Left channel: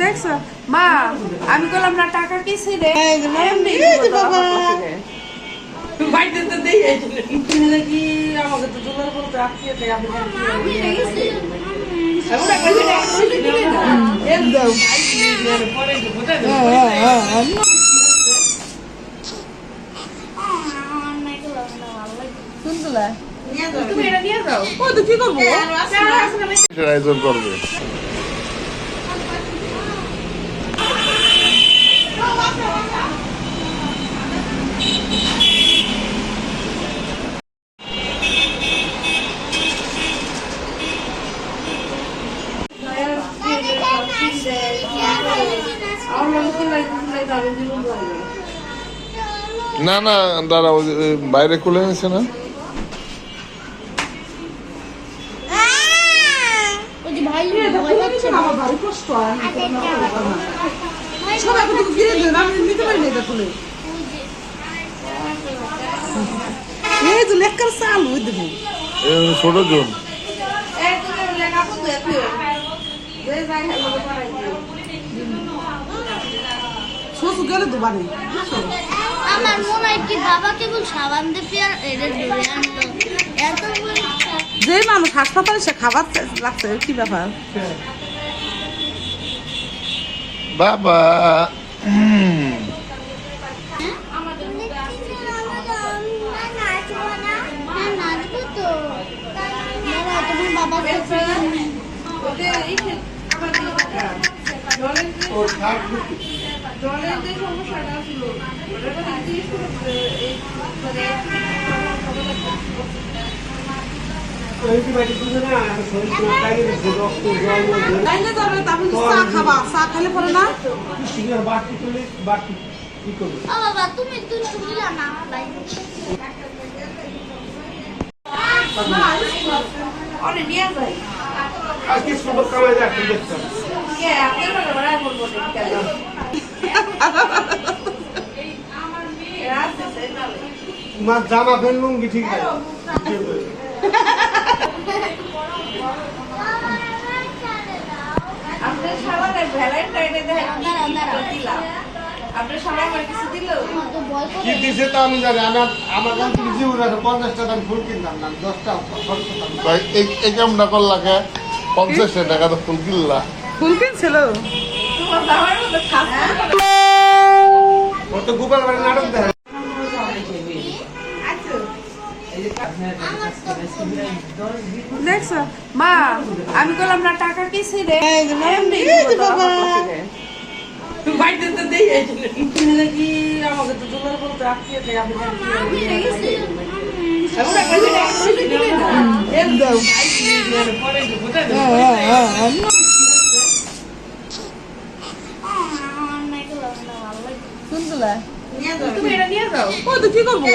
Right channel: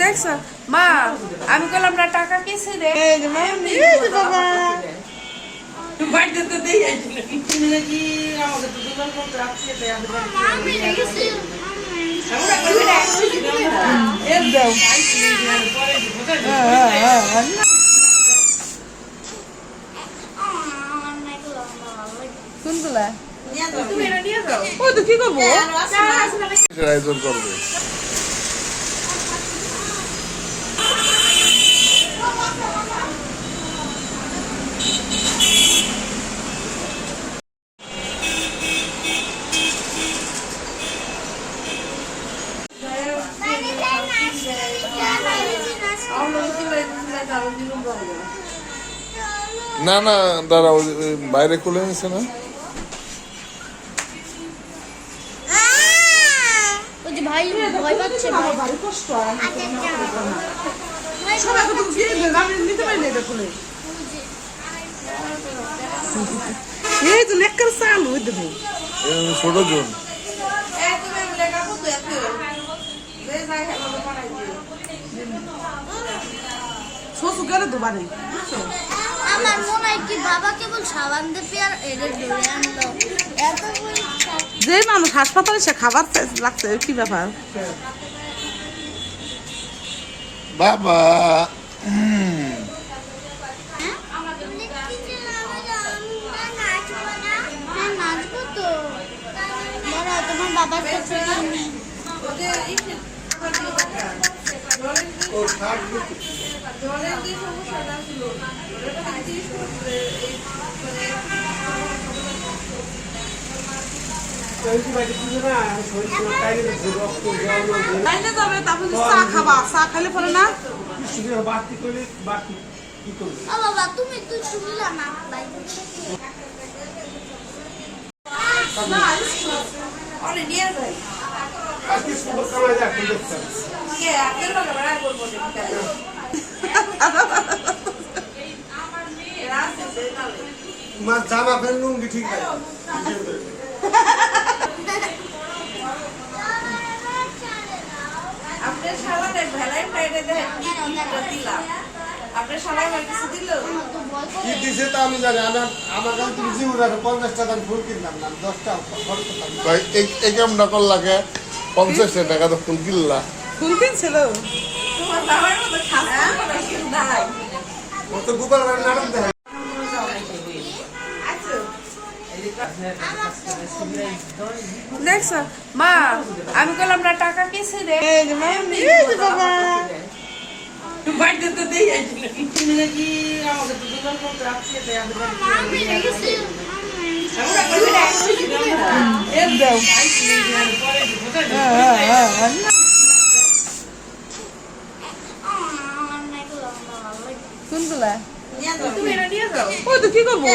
দেখছ মা, আমি বললাম না টাকা কিসে রে আয়োজন করবে। না না দাঁড়াও, বাইরে খুলে নিছে না। ভাই ভয় পাচ্ছে না, ভারী কষ্ট সবাই তো ফিরে দেন, আমি নিতে পারি না এটা খুলে। এই তো লেখার চালু দেবো ছোট জন শ্বশুর গেলে তো বানে। আমার মনে হয় কি বাবা কেবল সাবান দিয়ে আর এদের ধরে আনলো এত যে মানুষ হাসপাতালে সে খাবার লাগছে কি ব্যাপার। বাবা নাচবো তো দাঁড়া, তোমার বাবা জলের যে সমস্যাটা ছিল বাবা তুমি একটু শুনলা না আমার ভাই অনেক নিয়ে যায় তোমার জামা প্যান্ট লুঙ্গি ঠিক আছে। আপনি সারাটা ভ্যালেন্টাইনে দিলাম, আপনি সবাই আমার কিছু দিল কি দিছে তো আমি জানি। আমার কাছে তুমি জিউ রাখো 50 টাকা ফুল কিনলাম না 10 টাকা ভাই এই কামটা করলাকে 50 টাকা তো ফুল কিনলা। ফুল কিনছিল তোমার বাবার মতো খাসা ও তো গুগল বারে নাটক দেয়। দেখছ মা, আমি বললাম না টাকা কিসে রে তুমি এটা নিয়ে যাও, ও তো কি করবো।